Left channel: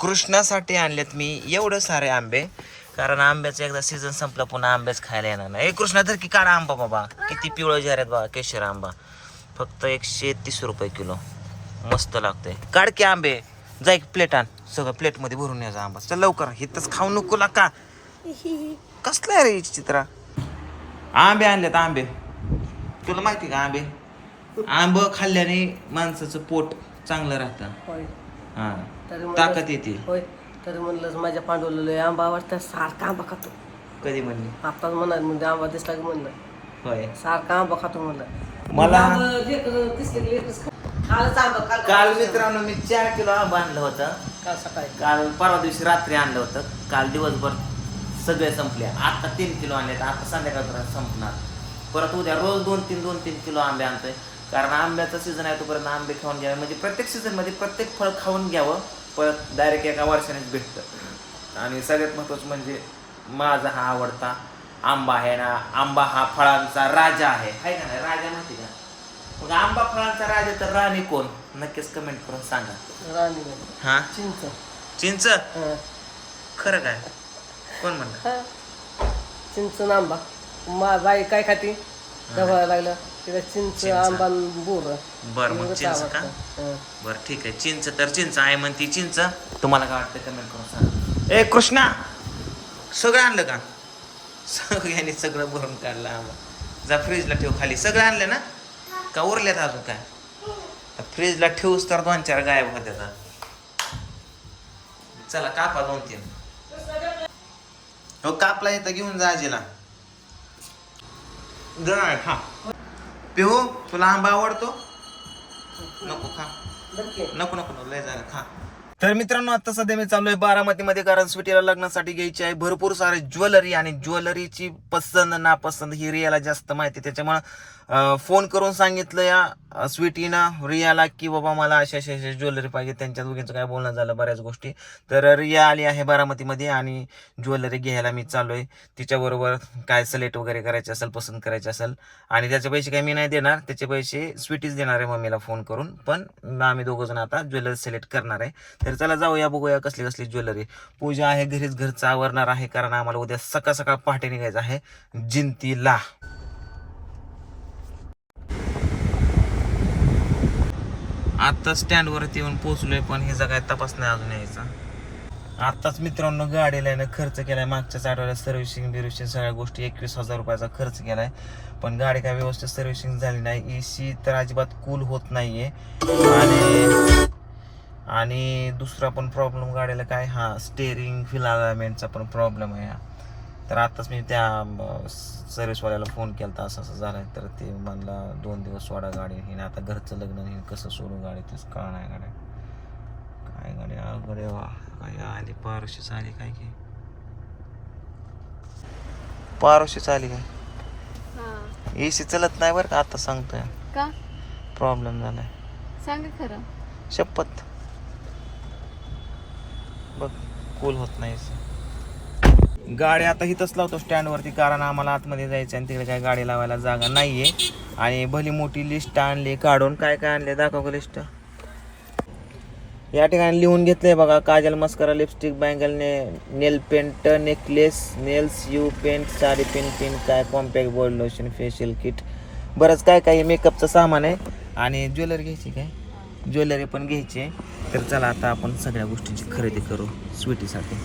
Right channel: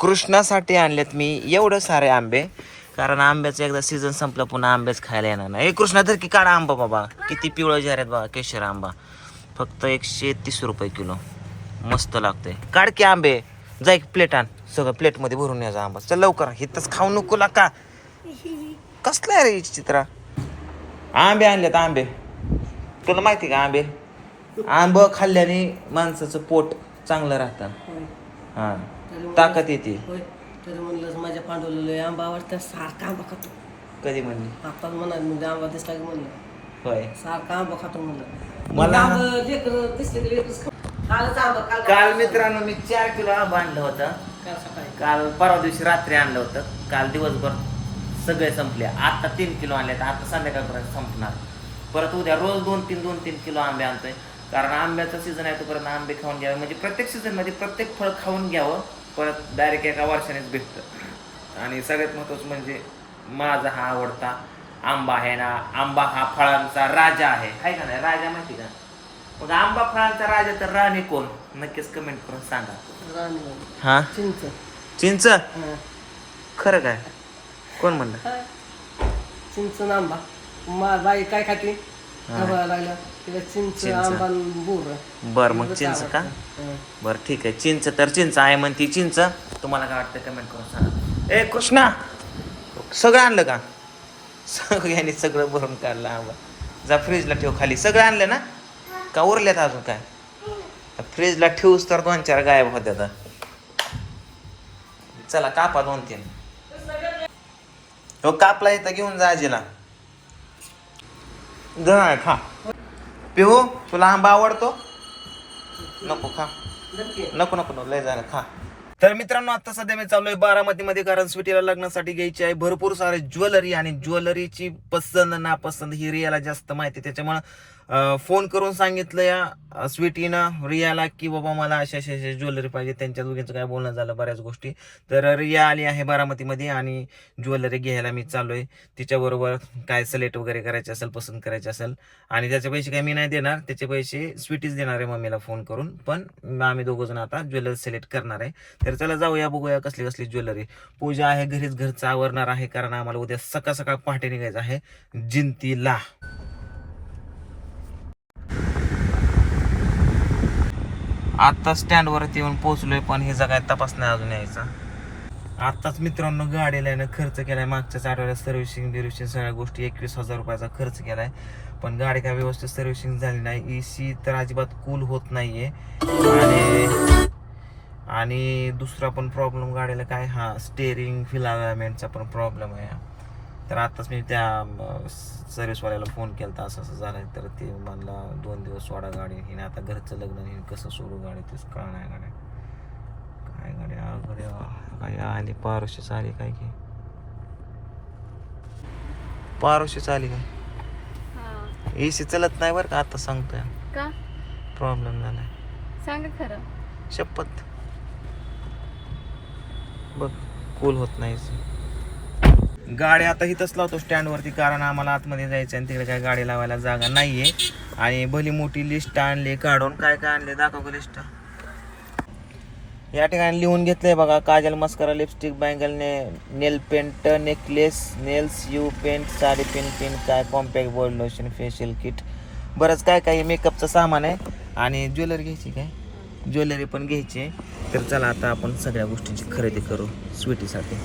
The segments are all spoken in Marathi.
कृष्णासाठी आणलेत मी एवढं सारे आंबे. कारण आंब्याचं एकदा सीझन संपला पुन्हा आंबेच खायला येणार नाही. कृष्णा तर की काढा आंबा बाबा. किती पिवळं झाल्यात बाबा केशर आंबा. फक्त एकशे तीस रुपये किलो. मस्त लागतंय. काढ की आंबे. जा एक प्लेट आण. सगळं प्लेटमध्ये भरून यायचा आंबा. चल लवकर. हिथंच खाऊ नको का कसला आहे रे चित्रा? आंबे आणलेत आंबे. तुला माहिती का आंबे? आंब खाल्ल्याने माणसाचं पोट चांगलं राहतं. हा. तरी ताकद येते. होय तरी म्हणलं माझ्या पांडवला लय आंबा आवडतं सारखा आंबा खातो. कधी म्हणली? आत्ताच म्हणाल म्हणजे आंबा दिसला की म्हणलं. होय. सारखा आंबा खातो म्हणलं. मला- आंबा लेकरं दिसले की लेकरंच खातो. कालच आंबा काल काल मित्रांनो मी चार किलो आंबा आणलं होतं. काल सकाळी. काल परवा दिवशी रात्री आणलं होतं. काल दिवसभर सगळे संपले. आता तीन किलो आणले आता संध्याकाळपर्यंत संपणार. परत उद्या रोज दोन तीन दोन तीन किलो आंबे आणतोय. कारण आंब्याचा सीझन आहे तोपर्यंत आंबे खाऊन घ्यावे. म्हणजे प्रत्येक सीझनमध्ये प्रत्येक फळ खाऊन घ्यावं. परत डायरेक्ट एका वर्षानेच भेटतं. आणि सगळ्यात महत्त्वाचं म्हणजे माझा हा आवडता आंबा आहे ना आंबा हा फळांचा राजा आहे. हाय का नाही? राजा माहिती का? मग आंबा फळांचा राजा तर राणी कोण? नक्कीच कमेंट करून सांगा. हा? चिंच. चिंच? हा. खरं काय? कोण म्हणलं? हा. चिंच आंबा. मा बाई काय खाती? गव्हाला लागल्या? तिला चिंच आंबा आणि बोर बर मग चिंच का? हा. बर ठीक आहे. चिंच तर चिंच आहे म्हणती चिंच. तुम्हाला काय वाटतं कमेंट करून सांगा. ए कृष्णा! सगळं आणलं का? सगळ्यांनी सगळं भरून काढलं आंबा. जा फ्रीजला ठेव खाली. सगळं आणलं ना? का उरल्यात अजून काय? फ्रीजला ठेवूस तर दोन चार गायब होत्या तर. चला कापा दोन तीन. हो कापला इथं घेऊन जा आजीला. गण खा. पिहू तुला आंबा आवडतो? नको खा. नको नको नको लय झालं खा. तर मित्रांनो आता सध्या मी चालू आहे बारामतीमध्ये कारण स्वीटीला लग्नासाठी घ्यायची आहे भरपूर सारे ज्वेलरी आणि ज्वेलरीची पसंत नापसंत ही रियाला जास्त माहिती त्याच्यामुळं फोन करून सांगितलं या स्वीटीनं रियाला की बाबा मला अशा अशा अशा ज्वेलरी पाहिजे त्यांच्या दोघींचं काय बोलणं झालं बऱ्याच गोष्टी. तर रिया आली आहे बारामतीमध्ये आणि ज्वेलरी घ्यायला मी चालू आहे तिच्याबरोबर काय सलेट वगैरे करायचे असेल पसंत करायचे असेल. आणि त्याचे पैसे काही मी नाही देणार त्याचे पैसे स्वीटीच देणार आहे मम्मीला फोन करून. पण आम्ही दोघंजण आता ज्वेलरी सिलेक्ट करणार आहे. तर चला जाऊया बघूया कसली कसली ज्वेलरी. पूजा आहे घरीच घरचं आवरणार आहे कारण आम्हाला उद्या सकाळ सकाळ पहाटे निघायचं आहे. जिंतीला. आत्ता स्टँडवरती येऊन पोहोचलोय पण हे काय तपास नाही अजून यायचा. आत्ताच मित्रांनो गाडीला आहे ना खर्च केलाय. मागच्याच आठवड्यात सर्व्हिसिंग बिर्व्हिसिंग सगळ्या गोष्टी एकवीस हजार रुपयाचा खर्च केलाय. पण गाडी काय व्यवस्थित सर्व्हिसिंग झाली नाही. ए सी तर अजिबात कूल होत नाहीये. आणि आणि दुसरा पण प्रॉब्लेम गाडीला काय? हा स्टेअरिंग फिलामेंटचा पण प्रॉब्लेम आहे. तर आताच मी त्या सर्व्हिसवाल्याला फोन केला असं असं झालं तर ते म्हणला दोन दिवस सोडा गाडी. हिने आता घरचं लग्न हिने कसं सोडू गाडी तूच कळ नाही गाड्या. काय गाडी? अवघड आहे बा. काय आली पारोशीच आली काय की? पारोशीच आली काय? हा. एसी चलत नाही बरं का आता सांगतोय. का? प्रॉब्लेम झालाय. सांगा खरं. शपथ. बघ कूल होत नाही AC. गाडी आता इथंच लावतो स्टँडवरती कारण आम्हाला आतमध्ये जायचं आणि तिकडे काय गाडी लावायला जागा नाहीये. आणि भली मोठी लिस्ट आणली काढून काय काय आणले दाखव लिस्ट या ठिकाणी लिहून घेतलंय बघा काजल मस्करा लिपस्टिक बँगल ने nail paint necklace nails you paint sari pin pin काय compact body lotion facial kit बरंच काय काय मेकअपचं सामान आहे. आणि ज्वेलरी घ्यायची काय? ज्वेलरी पण घ्यायची आहे. तर चला आता आपण सगळ्या गोष्टींची खरेदी करू स्वीटीसाठी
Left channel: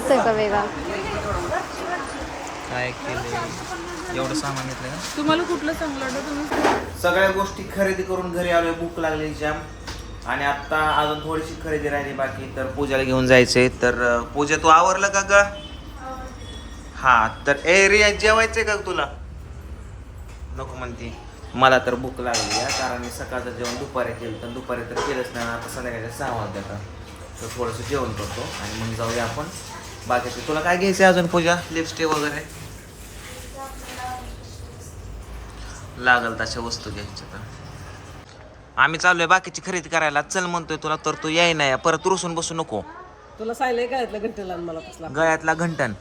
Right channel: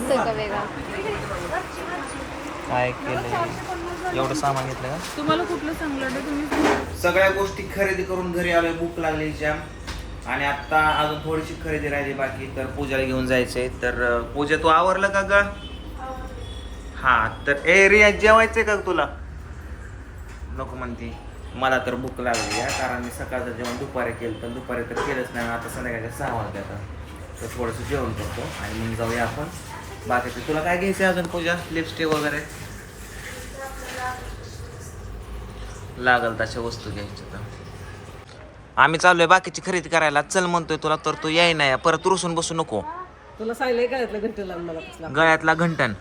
मस्त आहे का वेगळा? काय केलं एवढं सामान घेतलं का? तुम्हाला कुठलं चांगलं वाटतं तुम्ही? सगळ्या गोष्टी खरेदी करून घरी आलोय भूक लागली जॅम. आणि आता अजून थोडीशी खरेदी राहिली बाकी तर पूजाला घेऊन जायचंय. तर पूजा तू आवरलं का ग? हा तर ए रिया जेवायचंय का तुला? नको म्हणते. मला तर भूक लागली आहे कारण मी सकाळचं जेवण दुपारी केलं तर दुपारी तर केलंच नाही आणि आता संध्याकाळच्या सहा वाजता तर थोडंसं जेवण करतो आणि मग जाऊया आपण. बाकीचे तुला काय घ्यायचं अजून पूजा? लिपस्टिक वगैरे? लागल तशा वस्तू घ्यायच्या तर. आम्ही चाललोय बाकीची खरेदी करायला. चल म्हणतोय तुला तर तू याय नाही परत रुसून बसू नको. तुला सांगितलंय काय यातलं घंटेला आणि मला कसला? गळ्यातला घंटन.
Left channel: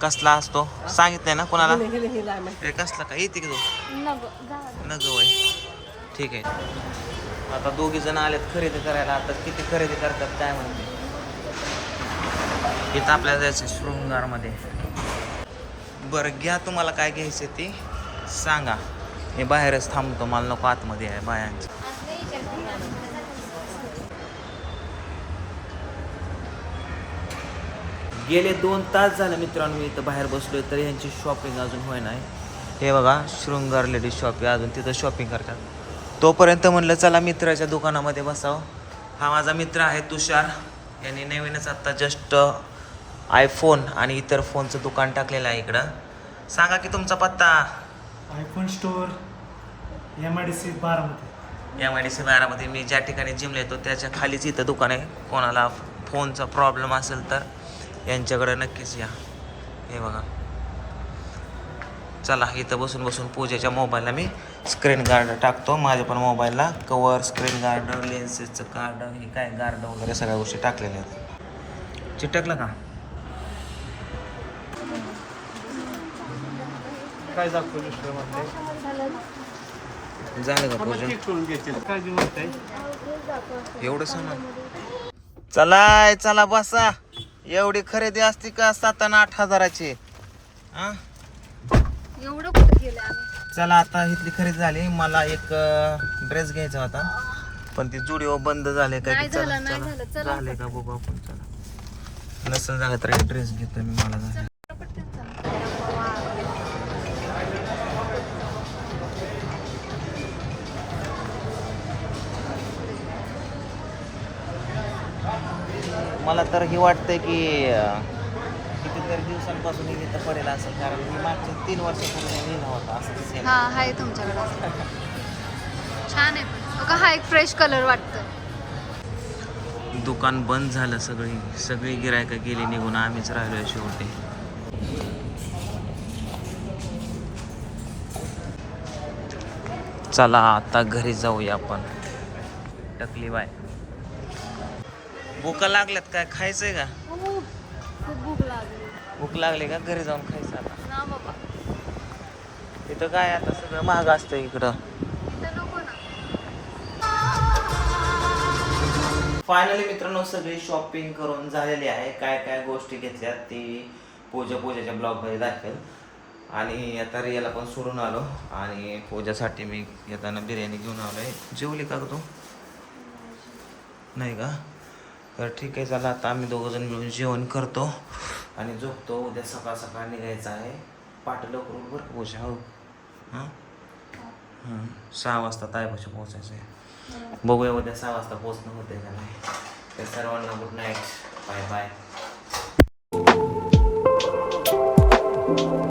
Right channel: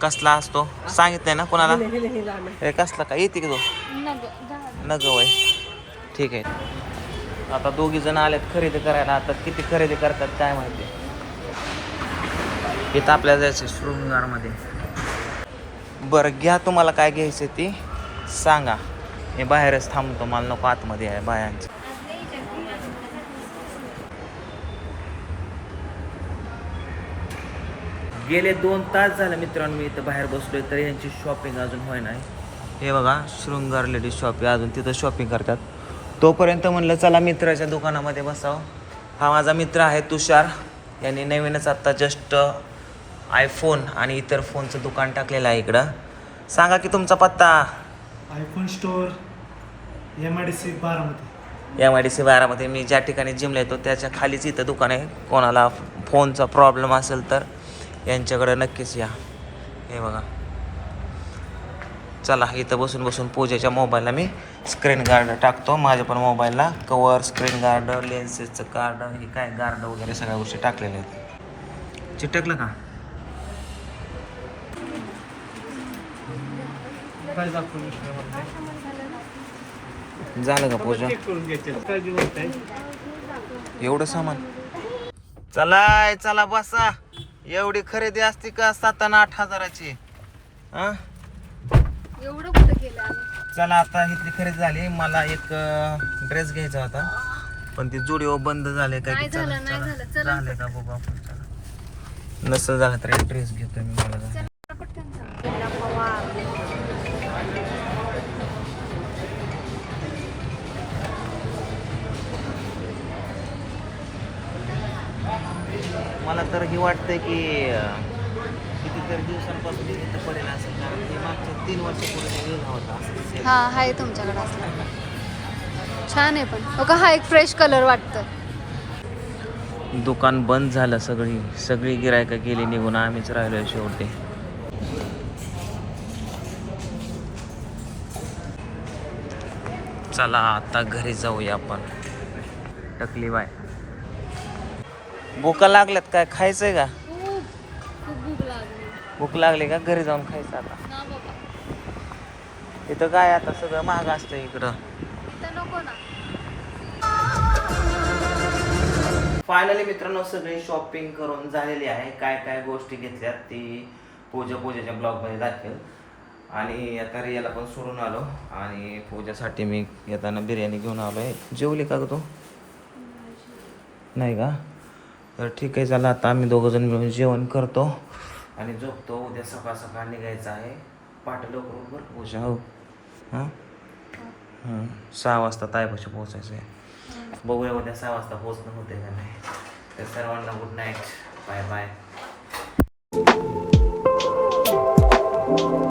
कसला असतो? सांगितलंय ना कोणाला? हेले- हेले- हेले आम्ही. ए कसला काय? येते की तो नको जा. न ग वय. ठीक आहे. आता दोघी जण आलेत खरेदी करायला. आता किती खरेदी करतात काय माहिती. इथं आपल्याला जायचं शृंगारमध्ये. बरं घ्या तुम्हाला काय घ्यायचं ती. सांगा. मी बाहेरच थांबतो मला नको आतमध्ये आहे बायांचं. गेले दोन तास झाले मित्रांनो मी इथं बाहेर बसलो तर यांची शॉपिंग अजून होय नाही. हे बघा शृंगार लेडीज शॉपिंग अजून तिथं शॉपिंग करतात. तोपर्यंत म्हणलं चला मित्राच्या दुकानामध्ये बसावं. हा माझा मित्र आहे तुषार. यांनी नवीनच आत्ता जस्ट आयफोन आणि इतर फोनचं दुकान टाकलेलं आहे इकडं. सांगा की तुमचा पत्ता? IPhone store M I D C Baramati. M I D C बारामध्ये मी ज्या ठिकाणी जिमला येतो त्याच्या खालीच इथं दुकान आहे. कोणाला फोनचा प्रॉब्लेम असेल तर यांच्याकडे नक्कीच या. हे बघा. चला इथं बसून बसून पूजेच्या मोबाईलला मी स्क्रीन गार्ड टाकतो. माझ्या पण मोबाईलला कवर स्क्रीन गार्ड लेन्सेसचं कार्ड हे काय गार्ड वगैरे सगळ्या गोष्टी टाकलेल्या आहेत. चिटकलं का? काय दाखवलं स्टोअरमध्ये झालं का पूजा? करून एवढं सामान. चलाय चला बसा. एवढी खरेदी असती का सात आणि आठ हजाराची? हा? एवढं कुठं केलं आम्ही? चला आता इथली खरेदी झाली. मला एक ड्रेस घ्यायचा होता. पण ती जुडिओ बंद झाले काय नाही झालं, नाही. झालं, चला. झाले का बघू आपण चला. नसं झालं तर ड्रेस घेतो मी मला मला तर हे वाटतंय की कितीतरी दिवसांपासून मी इथं पडेल असं कारण मी मागच्या तीन वर्षापूर्वी लिहिला होता असं. हा आहे तुमच्याकडे असं. छान आहे पण. का हा एक फ्रेश कलर वाटतोय. दुकान बंद झालं सगळी. सगळी गिरायकं गेली निघून आम्हीच राहिलोय शेवटी. चला आता घरी जाऊया आपण. टकली बाय. भूका लागल्यात काय? खायचंय का? खूप खूप भूक लागली. भूक लागली का? घरी जाऊन खायचं आता. ना बाबा. इथं काय आता? सगळं महाग असतं इकडं. इथं नको ना. फायनली मित्रांनो सगळी शॉपिंग करून झालेली आहे. काय काय गोष्टी घेतल्यात ती पूजा पूजेच्या ब्लॉगमध्ये दाखवेल. आणि आता रियाला पण सोडून आलो. आणि पूजेसाठी मी येताना बिर्याणी घेऊन आलो आहे जेवली का ग तू? नाही का? तर ठीक आहे चला आता आम्ही दोघं जण मिळून जेवण करतो आणि झोपतो. उद्या सकाळ सकाळ निघायचं आहे. पाठ लवकर बरं. हो हां? हां. सहा वाजता तायपाशी पोचायचं आहे बघूया उद्या सहा वाजता पोचणं होते का नाही. तर सर्वांना गुड नाईट बाय बाय